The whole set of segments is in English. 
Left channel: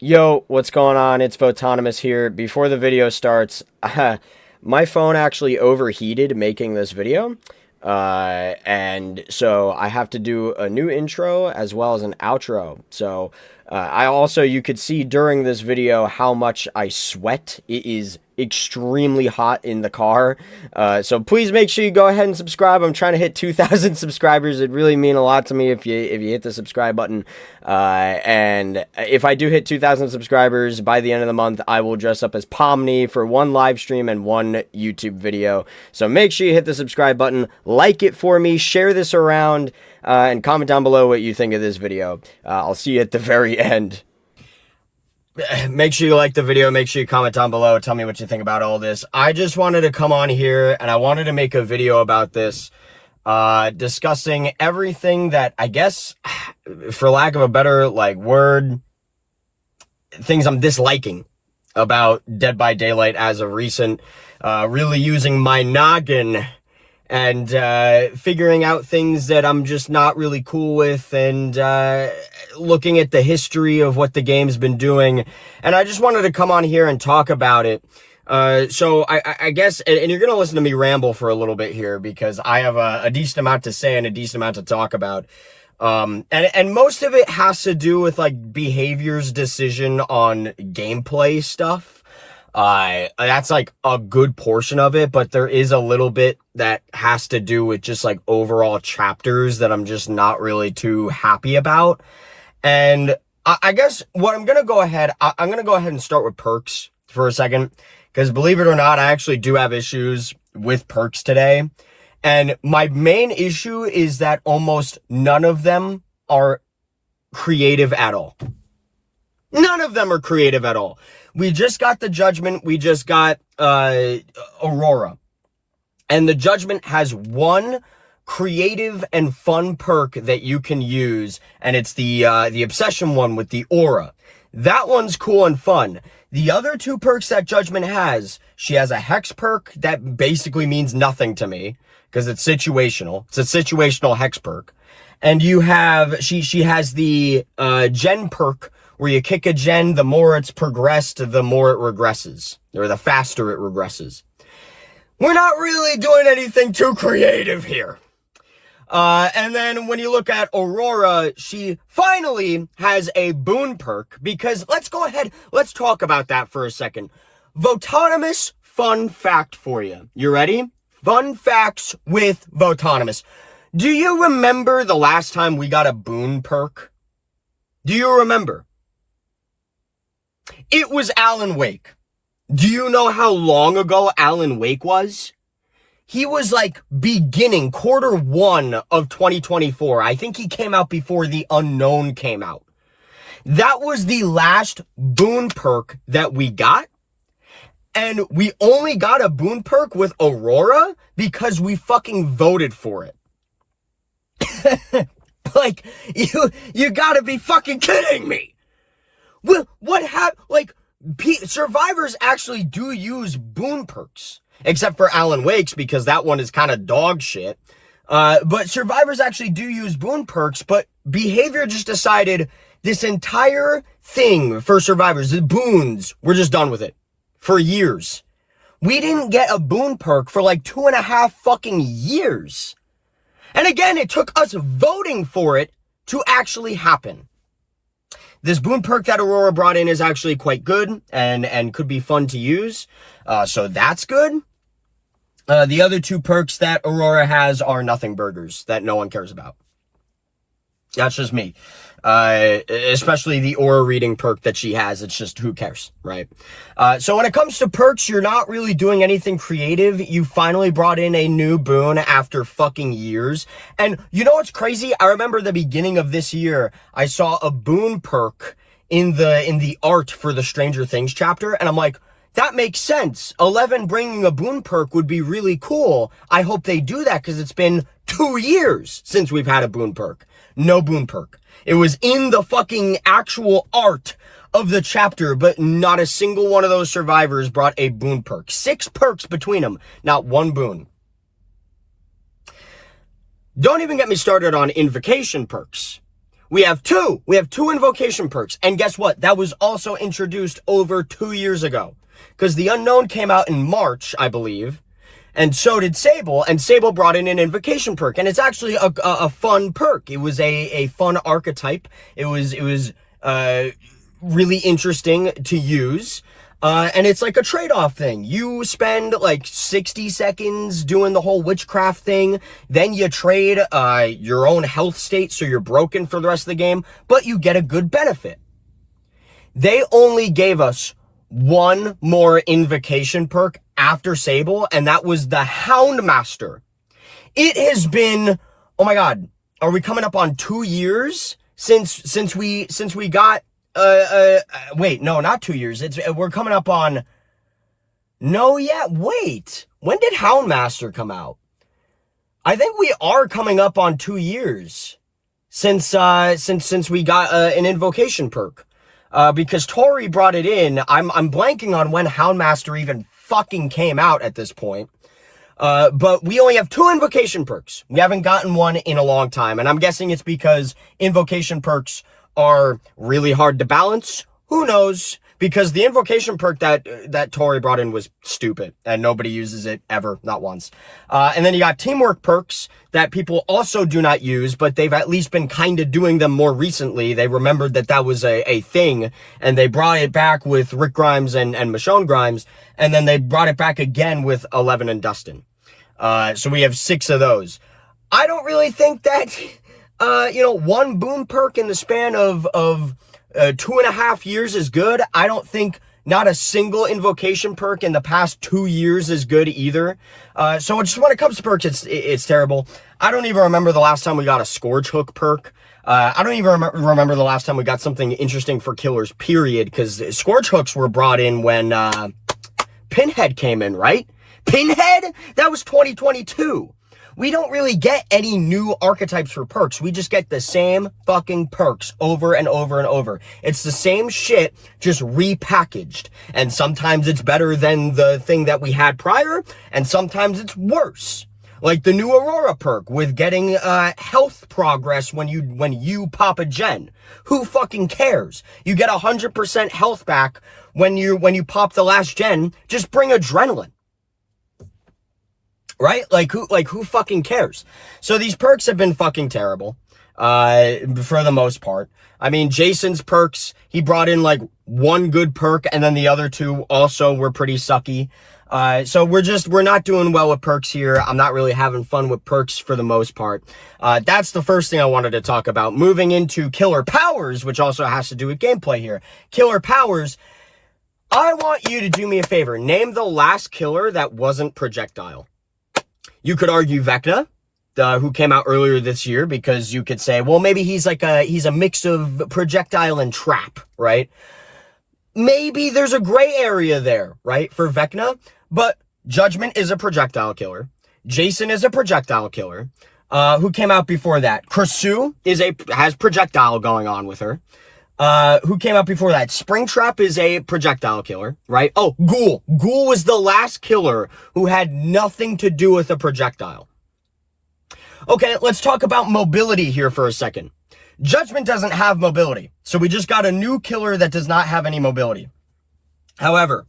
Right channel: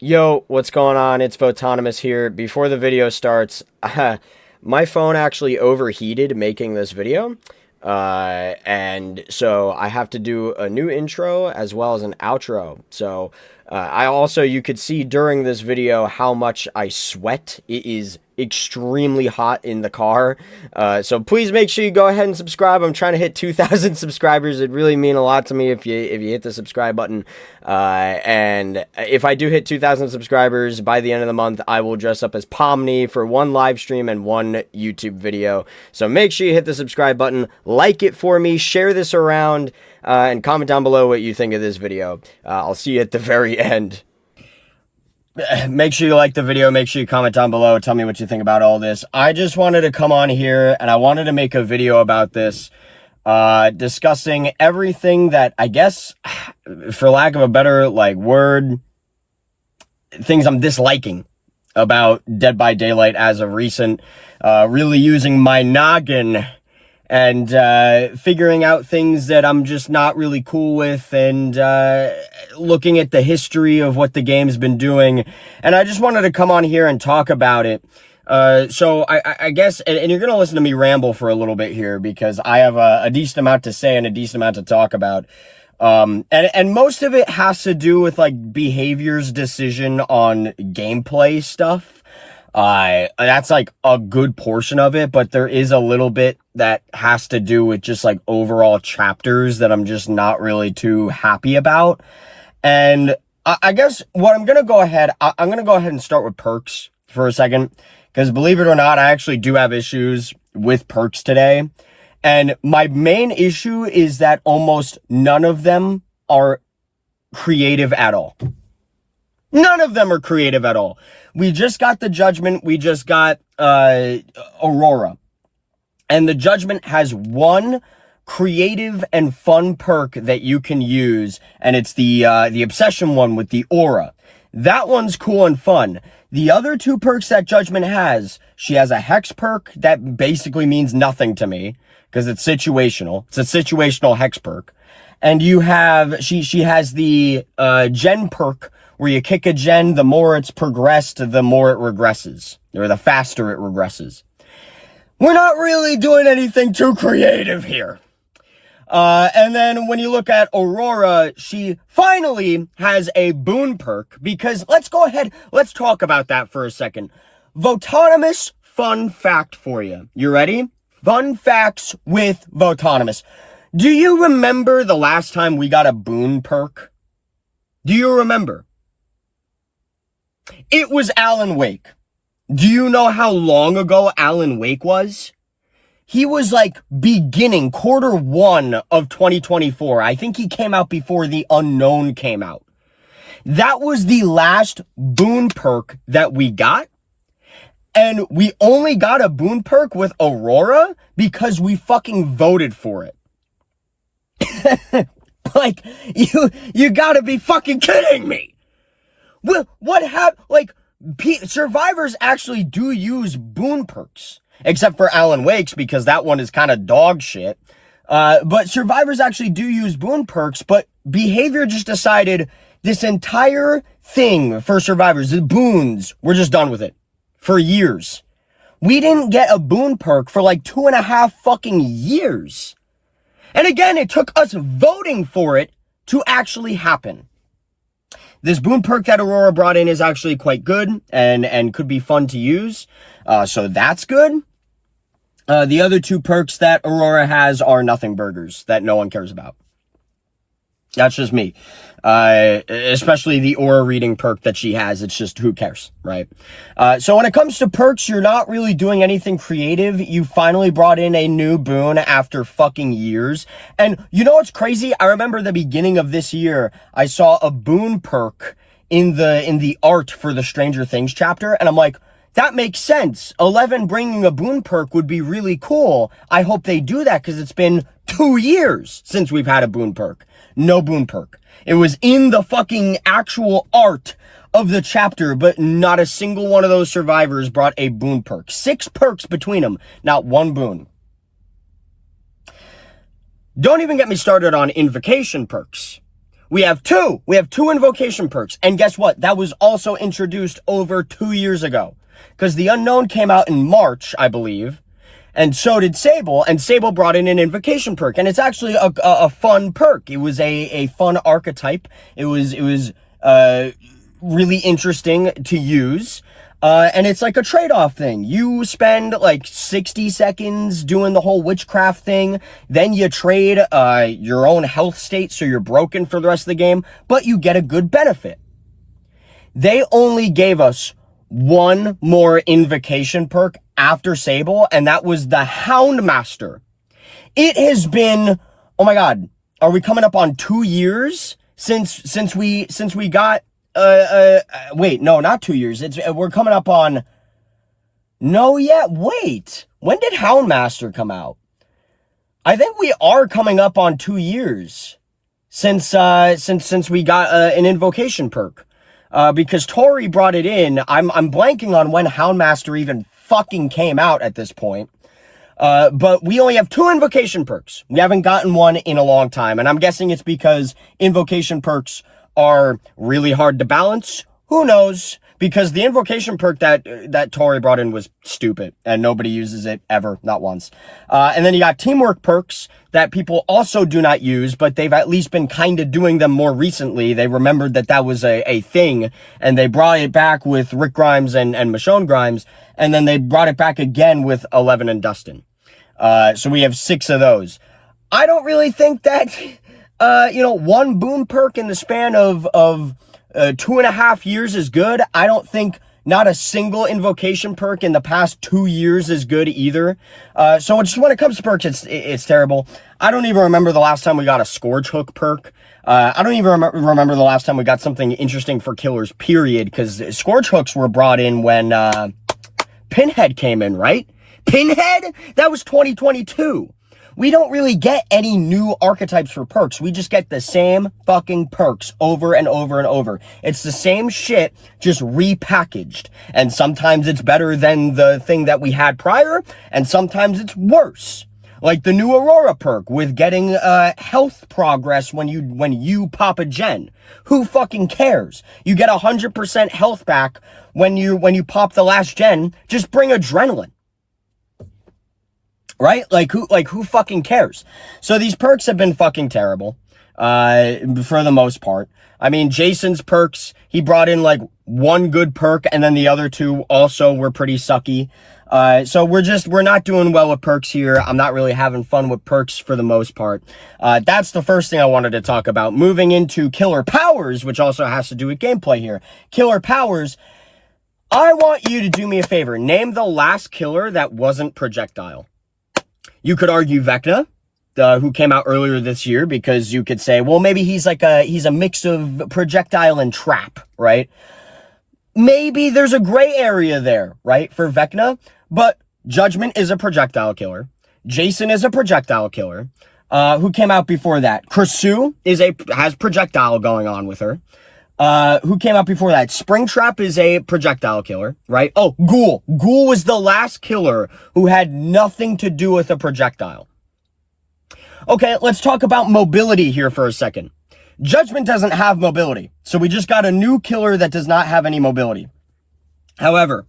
Yo, what's going on? It's Photonymous here. Before the video starts, my phone actually overheated making this video. And so I have to do a new intro as well as an outro. So you could see during this video how much I sweat. It is extremely hot in the car. So please make sure you go ahead and subscribe. I'm trying to hit 2,000 subscribers. It'd really mean a lot to me if you hit the subscribe button. And if I do hit 2,000 subscribers by the end of the month, I will dress up as Pomni for one live stream and one YouTube video. So make sure you hit the subscribe button, like it for me, share this around, and comment down below what you think of this video. I'll see you at the very end. Make sure you like the video, make sure you comment down below, tell me what you think about all this. I just wanted to come on here and I wanted to make a video about this, discussing everything that, I guess, for lack of a better, word, things I'm disliking about Dead by Daylight as of recent, really using my noggin and figuring out things that I'm just not really cool with, and looking at the history of what the game's been doing. And I just wanted to come on here and talk about it. So I guess, and you're going to listen to me ramble for a little bit here because I have a decent amount to say and a decent amount to talk about. And most of it has to do with behavior's decision on gameplay stuff. That's a good portion of it, but there is a little bit that has to do with just overall chapters that I'm just not really too happy about. And I guess what I'm going to go ahead and start with perks for a second, because believe it or not, I actually do have issues with perks today. And my main issue is that almost none of them are creative at all. None of them are creative at all. We just got the Judgment. We just got Aurora. And the Judgment has one creative and fun perk that you can use, and it's the Obsession one with the Aura. That one's cool and fun. The other two perks that Judgment has, she has a Hex perk that basically means nothing to me because it's situational. It's a situational Hex perk. And you have, she has the Gen perk, where you kick a gen, the more it's progressed, the more it regresses, or the faster it regresses. We're not really doing anything too creative here. And then when you look at Aurora, she finally has a boon perk, because let's talk about that for a second. Votonymous fun fact for you. You ready? Fun facts with Votonymous. Do you remember the last time we got a boon perk? Do you remember? It was Alan Wake. Do you know how long ago Alan Wake was? He was beginning Q1 of 2024. I think he came out before The Unknown came out. That was the last boon perk that we got. And we only got a boon perk with Aurora because we fucking voted for it. You gotta be fucking kidding me. Well, survivors actually do use boon perks, except for Alan Wake's, because that one is kind of dog shit. But survivors actually do use boon perks, but behavior just decided this entire thing for survivors, the boons, we're just done with it for years. We didn't get a boon perk for 2.5 fucking years. And again, it took us voting for it to actually happen. This boon perk that Aurora brought in is actually quite good and could be fun to use. So that's good. The other two perks that Aurora has are nothing burgers that no one cares about. That's just me. Especially the aura reading perk that she has. It's just, who cares, right? So when it comes to perks, you're not really doing anything creative. You finally brought in a new boon after fucking years. And you know what's crazy? I remember the beginning of this year, I saw a boon perk in the art for the Stranger Things chapter. And I'm like, that makes sense. 11 bringing a boon perk would be really cool. I hope they do that, because it's been 2 years since we've had a boon perk. No boon perk. It was in the fucking actual art of the chapter, but not a single one of those survivors brought a boon perk. 6 perks between them, not one boon. Don't even get me started on invocation perks. We have two invocation perks. And guess what? That was also introduced over 2 years ago. Because the Unknown came out in March, I believe. And so did Sable. And Sable brought in an invocation perk. And it's actually a fun perk. It was a fun archetype. It was really interesting to use. And it's like a trade-off thing. You spend like 60 seconds doing the whole witchcraft thing. Then you trade your own health state so you're broken for the rest of the game. But you get a good benefit. They only gave us one more invocation perk after Sable. And that was the Houndmaster. It has been, oh my God, are we coming up on 2 years since we got wait, no, not 2 years. We're coming up on, no, yeah, wait. When did Houndmaster come out? I think we are coming up on 2 years since we got an invocation perk. Because Tori brought it in. I'm blanking on when Houndmaster even fucking came out at this point. But we only have 2 invocation perks. We haven't gotten one in a long time. And I'm guessing it's because invocation perks are really hard to balance. Who knows? Because the invocation perk that Tori brought in was stupid and nobody uses it ever, not once. And then you got teamwork perks that people also do not use, but they've at least been kind of doing them more recently. They remembered that was a thing, and they brought it back with Rick Grimes and Michonne Grimes, and then they brought it back again with Eleven and Dustin. So we have 6 of those. I don't really think that one boon perk in the span of 2.5 years is good. I don't think not a single invocation perk in the past 2 years is good either. So just when it comes to perks, it's terrible. I don't even remember the last time we got a Scourge Hook perk. I don't even remember the last time we got something interesting for killers, period, because Scourge Hooks were brought in when Pinhead came in, right? Pinhead? That was 2022. We don't really get any new archetypes for perks. We just get the same fucking perks over and over and over. It's the same shit, just repackaged. And sometimes it's better than the thing that we had prior, and sometimes it's worse. Like the new Aurora perk with getting health progress when you pop a gen. Who fucking cares? You get 100% health back when you pop the last gen. Just bring adrenaline. Right? Like who fucking cares? So these perks have been fucking terrible, for the most part. I mean, Jason's perks, he brought in like one good perk and then the other 2 also were pretty sucky. So we're not doing well with perks here. I'm not really having fun with perks for the most part. That's the first thing I wanted to talk about. Moving into killer powers, which also has to do with gameplay here. Killer powers. I want you to do me a favor. Name the last killer that wasn't projectile. You could argue Vecna, who came out earlier this year, because you could say, well, maybe he's a mix of projectile and trap, right? Maybe there's a gray area there, right, for Vecna, but Judgment is a projectile killer. Jason is a projectile killer. Who came out before that? Kursu has projectile going on with her. Who came out before that? Springtrap is a projectile killer, right? Oh, Ghoul. Ghoul was the last killer who had nothing to do with a projectile. Okay, let's talk about mobility here for a second. Judgment doesn't have mobility, so we just got a new killer that does not have any mobility. However,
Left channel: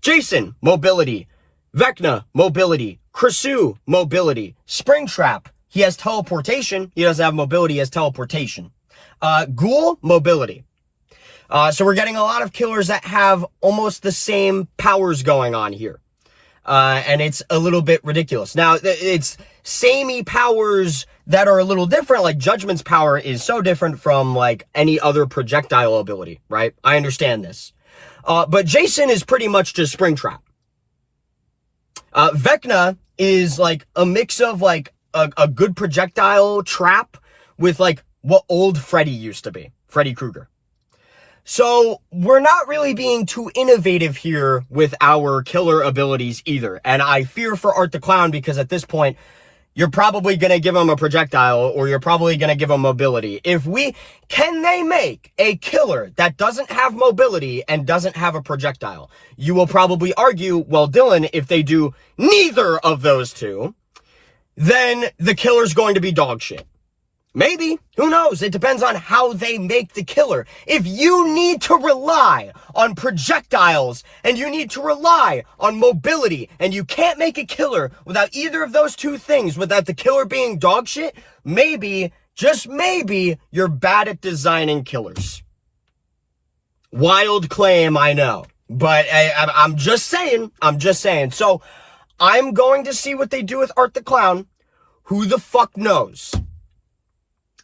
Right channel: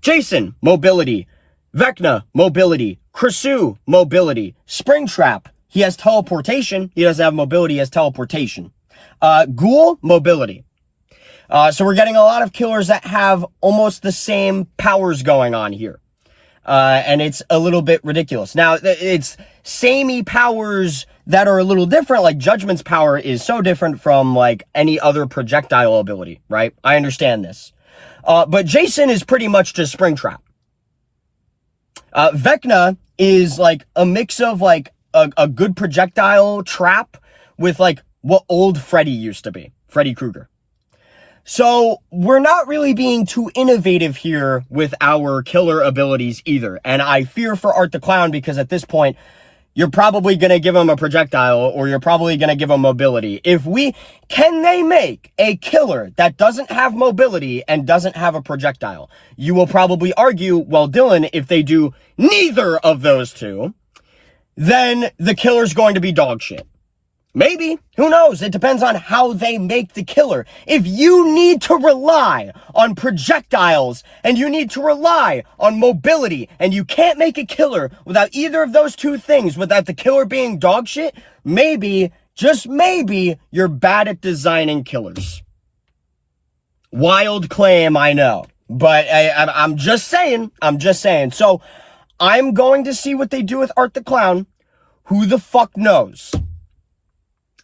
Jason, mobility. Vecna, mobility. Kursu, mobility. Springtrap, he has teleportation. He doesn't have mobility, he has teleportation. Ghoul, mobility. So we're getting a lot of killers that have almost the same powers going on here. And it's a little bit ridiculous. Now, it's samey powers that are a little different. Like Judgment's power is so different from like any other projectile ability, right? I understand this. But Jason is pretty much just Springtrap. Vecna is like a mix of like a good projectile trap with like what old Freddy used to be, Freddy Krueger. So we're not really being too innovative here with our killer abilities either. And I fear for Art the Clown, because at this point, you're probably going to give him a projectile or you're probably going to give him mobility. Can they make a killer that doesn't have mobility and doesn't have a projectile? You will probably argue, well, Dylan, if they do neither of those two, then the killer's going to be dog shit. Maybe. Who knows? It depends on how they make the killer. If you need to rely on projectiles and you need to rely on mobility and you can't make a killer without either of those two things, without the killer being dog shit, maybe, just maybe, you're bad at designing killers. Wild claim, I know. But I'm just saying. So I'm going to see what they do with Art the Clown. Who the fuck knows?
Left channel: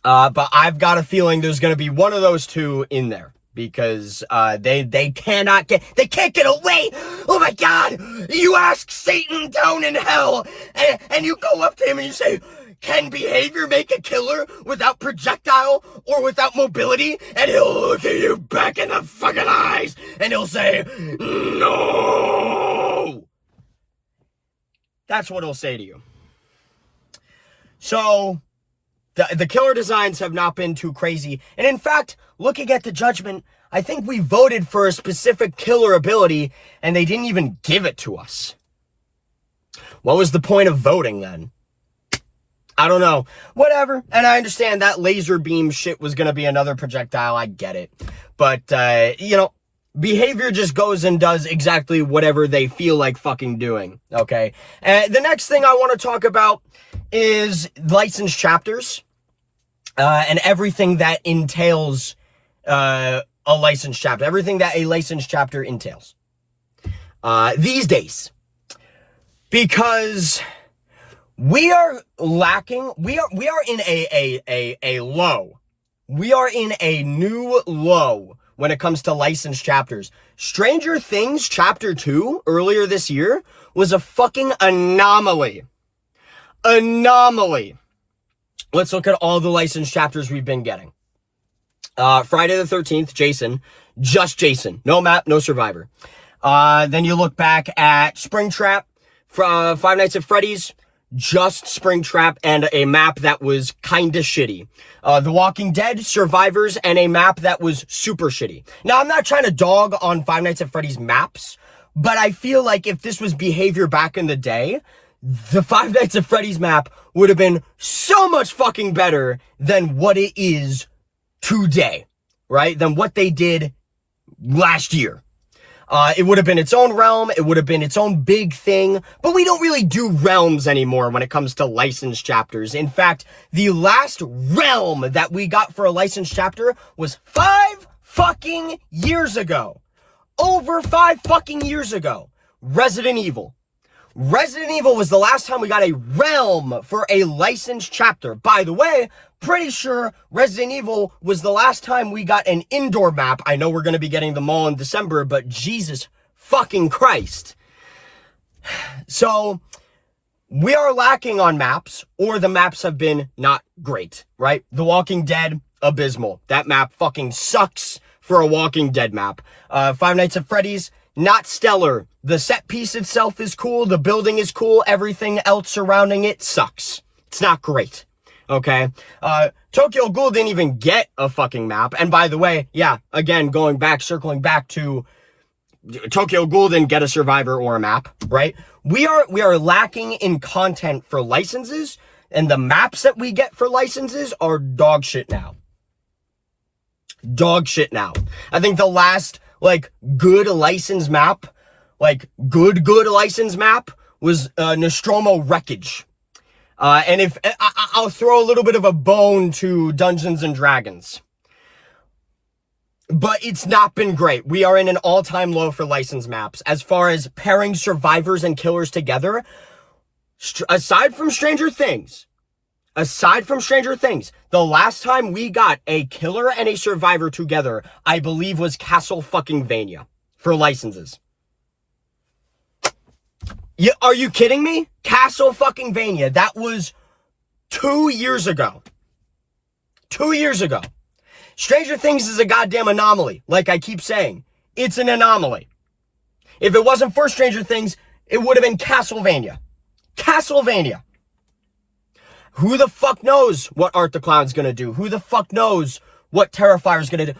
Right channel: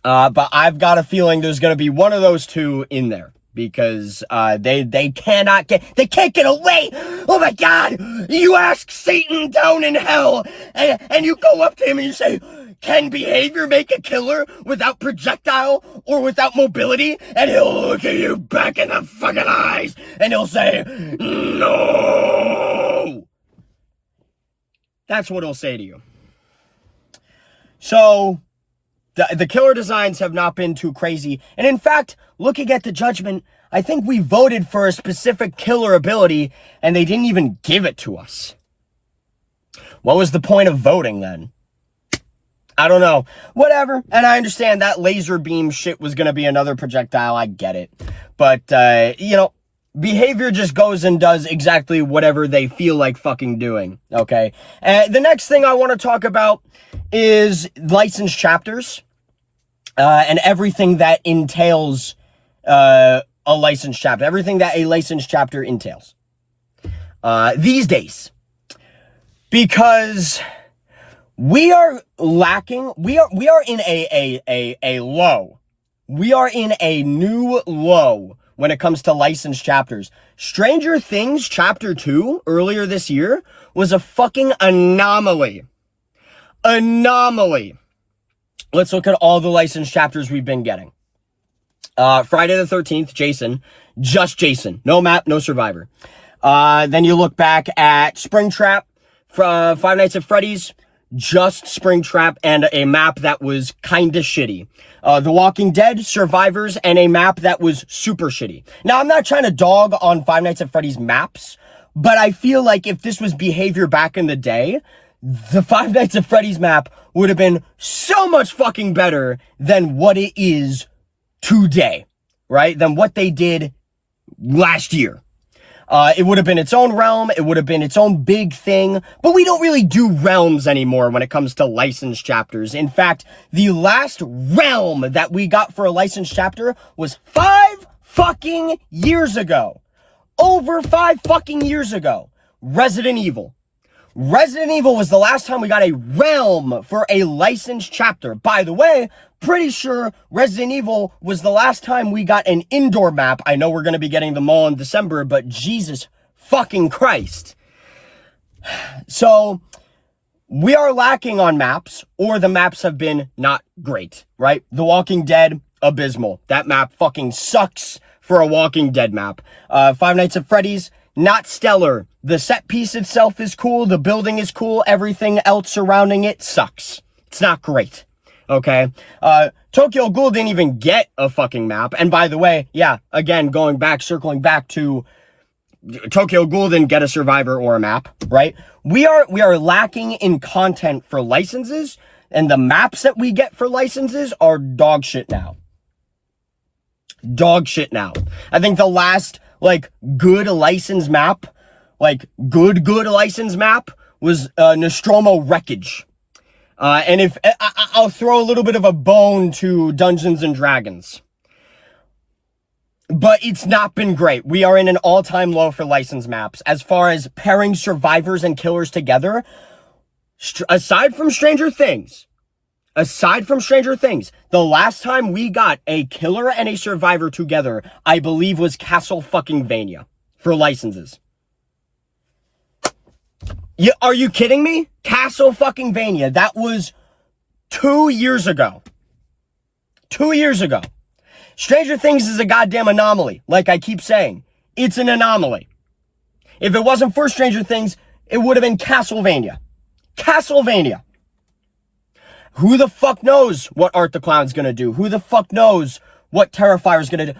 But I've got a feeling there's going to be one of those two in there because they can't get away. Oh my God! You ask Satan down in hell, and you go up to him and you say, "Can behavior make a killer without projectile or without mobility?" And he'll look at you back in the fucking eyes and he'll say, "No." That's what he'll say to you. So the killer designs have not been too crazy. And in fact, looking at the judgment, I think we voted for a specific killer ability and they didn't even give it to us. What was the point of voting then? I don't know. Whatever. And I understand that laser beam shit was going to be another projectile. I get it. But, behavior just goes and does exactly whatever they feel like fucking doing. Okay. The next thing I want to talk about is licensed chapters. And everything that entails a licensed chapter. Everything that a licensed chapter entails. These days. Because we are lacking, we are in a low. We are in a new low when it comes to licensed chapters. Stranger Things Chapter 2 earlier this year was a fucking anomaly. Let's look at all the licensed chapters we've been getting. Friday the 13th, Jason. Just Jason. No map, no survivor. Then you look back at Springtrap, Five Nights at Freddy's. Just Springtrap and a map that was kinda shitty. The Walking Dead, Survivors, and a map that was super shitty. Now, I'm not trying to dog on Five Nights at Freddy's maps, but I feel like if this was behavior back in the day, the Five Nights at Freddy's map would have been so much fucking better than what it is today, right? Than what they did last year. It would have been its own realm. It would have been its own big thing. But we don't really do realms anymore when it comes to licensed chapters. In fact, the last realm that we got for a licensed chapter was 5 fucking years ago. Over 5 fucking years ago. Resident Evil. Resident Evil was the last time we got a realm for a licensed chapter. By the way, pretty sure Resident Evil was the last time we got an indoor map. I know we're going to be getting them all in December, but Jesus fucking Christ. So we are lacking on maps, or the maps have been not great, right? The Walking Dead, abysmal. That map fucking sucks for a Walking Dead map. Five Nights at Freddy's, not stellar. The set piece itself is cool. The building is cool. Everything else surrounding it sucks. It's not great. Okay. Tokyo Ghoul didn't even get a fucking map. And by the way, yeah, again, circling back to Tokyo Ghoul didn't get a survivor or a map, right? We are lacking in content for licenses, and the maps that we get for licenses are dog shit now. Dog shit now. I think the last good license map was Nostromo Wreckage. And if I'll throw a little bit of a bone to Dungeons and Dragons, but it's not been great. We are in an all-time low for license maps as far as pairing survivors and killers together. Aside from Stranger Things, the last time we got a killer and a survivor together, I believe, was Castle fucking Vania for licenses. Are you kidding me? Castle fucking Vania. That was 2 years ago. 2 years ago. Stranger Things is a goddamn anomaly. Like I keep saying, it's an anomaly. If it wasn't for Stranger Things, it would have been Castlevania. Castlevania. Who the fuck knows what Art the Clown's gonna do? Who the fuck knows what Terrifier's gonna do?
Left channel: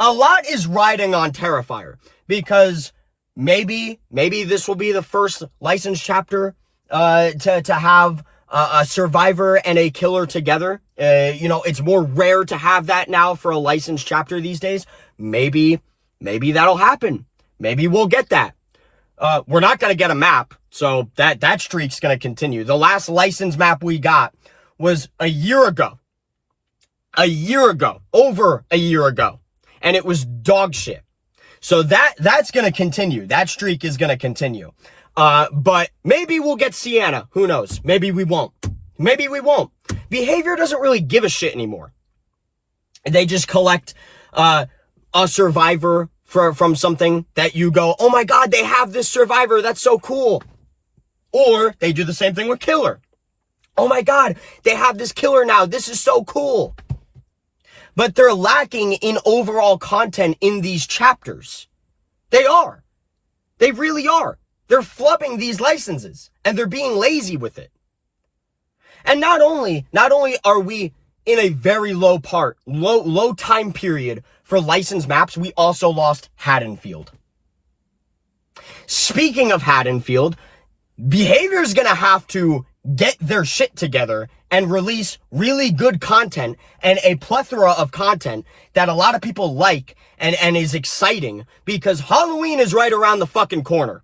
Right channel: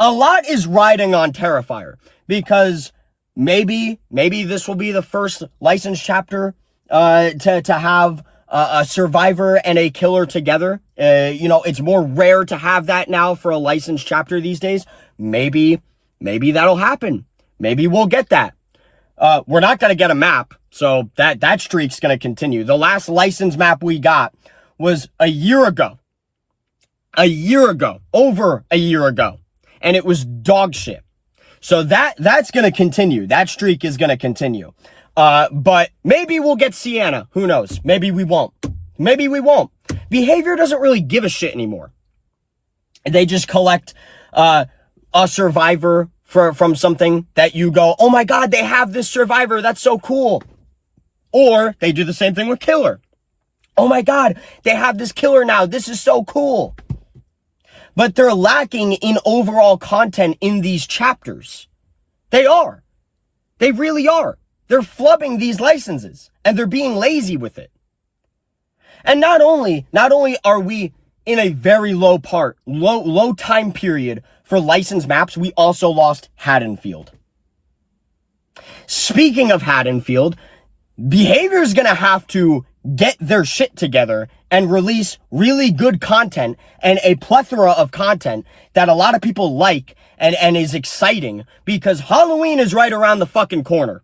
A lot is riding on Terrifier, because maybe this will be the first licensed chapter to have a survivor and a killer together. You know, it's more rare to have that now for a licensed chapter these days. Maybe that'll happen. Maybe we'll get that. We're not going to get a map, so that streak's going to continue. The last licensed map we got was a year ago. Over a year ago. And it was dog shit. So that's going to continue. That streak is going to continue. But maybe we'll get Sienna. Who knows? Maybe we won't. Behavior doesn't really give a shit anymore. They just collect a survivor from something that you go, oh my God, they have this survivor. That's so cool. Or they do the same thing with killer. Oh my God, they have this killer now. This is so cool. But they're lacking in overall content in these chapters. They are. They really are. They're flubbing these licenses and they're being lazy with it. And not only are we in a very low time period for licensed maps, we also lost Haddonfield. Speaking of Haddonfield, Behavior is going to have to get their shit together and release really good content and a plethora of content that a lot of people like and is exciting, because Halloween is right around the fucking corner.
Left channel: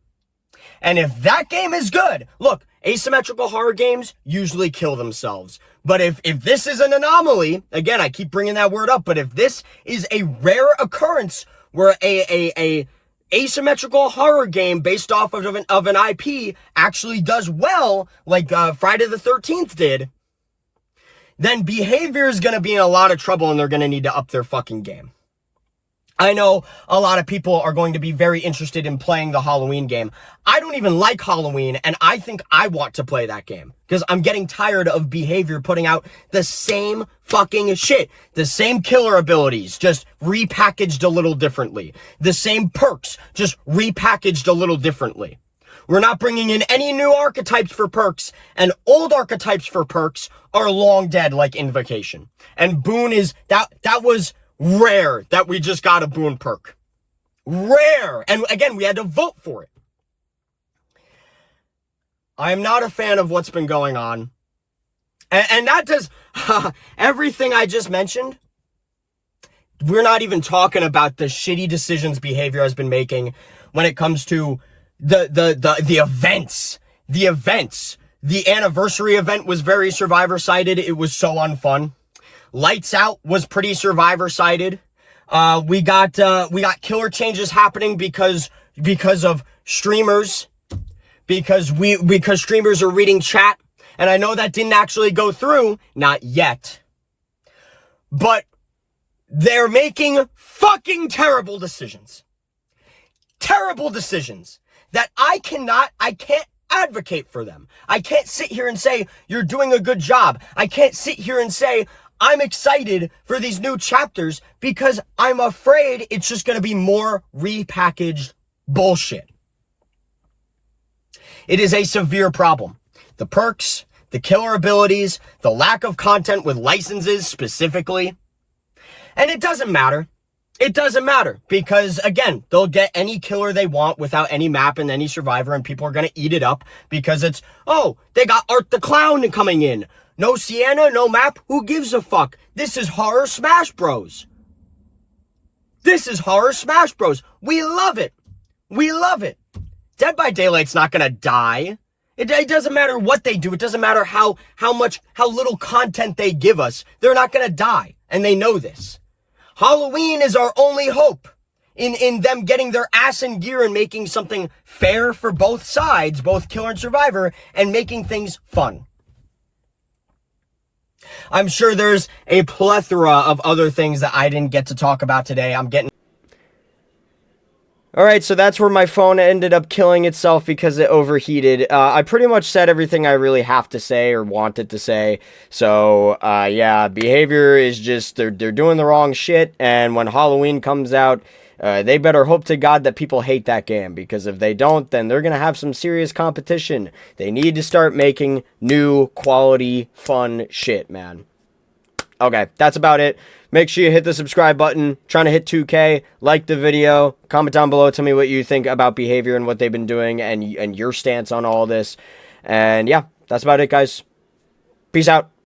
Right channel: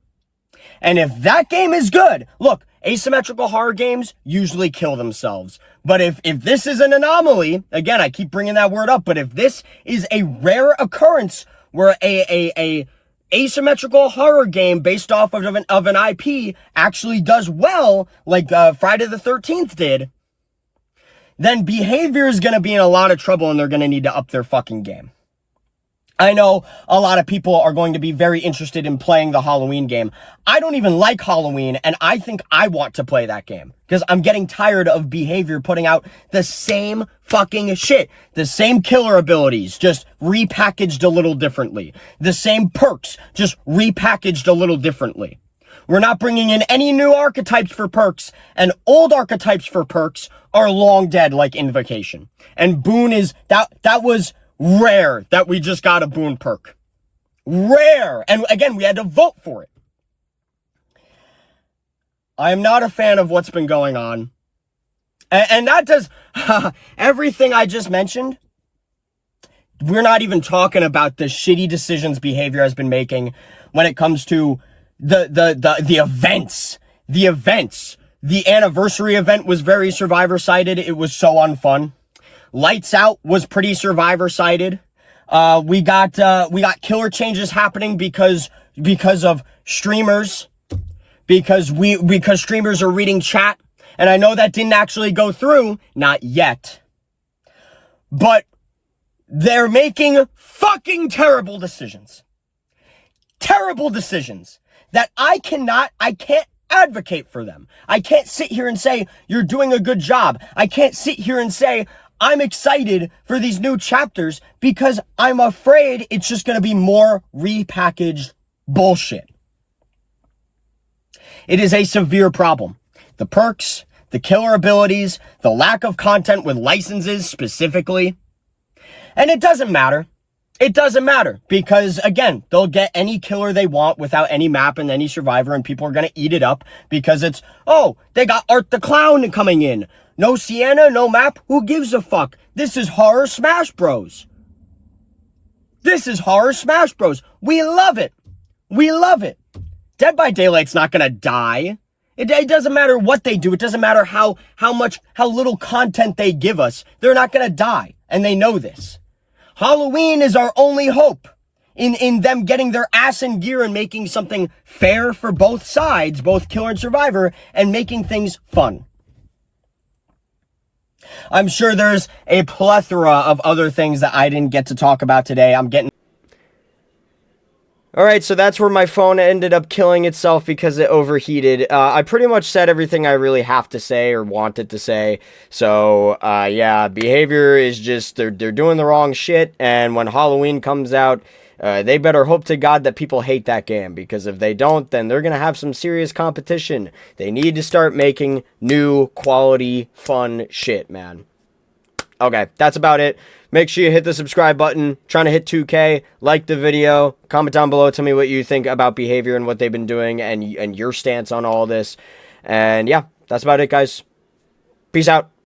And if that game is good, look, asymmetrical horror games usually kill themselves. But if this is an anomaly, again, I keep bringing that word up, but if this is a rare occurrence where a asymmetrical horror game based off of an IP actually does well, like Friday the 13th did, then Behavior is going to be in a lot of trouble and they're going to need to up their fucking game. I know a lot of people are going to be very interested in playing the Halloween game. I don't even like Halloween, and I think I want to play that game because I'm getting tired of Behavior putting out the same fucking shit. The same killer abilities, just repackaged a little differently. The same perks, just repackaged a little differently. We're not bringing in any new archetypes for perks, and old archetypes for perks are long dead, like Invocation. And Boon is, that was rare that we just got a Boon perk. Rare. And again, we had to vote for it. I am not a fan of what's been going on. And that does everything I just mentioned. We're not even talking about the shitty decisions Behavior has been making when it comes to the events. The events. The anniversary event was very Survivor-sided. It was so unfun. Lights Out was pretty Survivor-sided. We got killer changes happening because of streamers. Because streamers are reading chat. And I know that didn't actually go through. Not yet. But they're making fucking terrible decisions. Terrible decisions that I can't advocate for them. I can't sit here and say, you're doing a good job. I can't sit here and say, I'm excited for these new chapters, because I'm afraid it's just going to be more repackaged bullshit. It is a severe problem. The perks, the killer abilities, the lack of content with licenses specifically. And it doesn't matter. It doesn't matter, because again, they'll get any killer they want without any map and any survivor, and people are going to eat it up because it's, oh, they got Art the Clown coming in. No Sienna, no map. Who gives a fuck? This is Horror Smash Bros. This is Horror Smash Bros. We love it. We love it. Dead by Daylight's not going to die. It doesn't matter what they do. It doesn't matter how little content they give us. They're not going to die, and they know this. Halloween is our only hope in them getting their ass in gear and making something fair for both sides, both killer and survivor, and making things fun. I'm sure there's a plethora of other things that I didn't get to talk about today. Alright, so that's where my phone ended up killing itself because it overheated. I pretty much said everything I really have to say or wanted to say. So, yeah, Behavior is just, they're doing the wrong shit. And when Halloween comes out, they better hope to God that people hate that game. Because if they don't, then they're going to have some serious competition. They need to start making new, quality, fun shit, man. Okay, that's about it. Make sure you hit the subscribe button. Trying to hit 2K. Like the video. Comment down below. Tell me what you think about Behavior and what they've been doing and your stance on all this. And yeah, that's about it, guys. Peace out.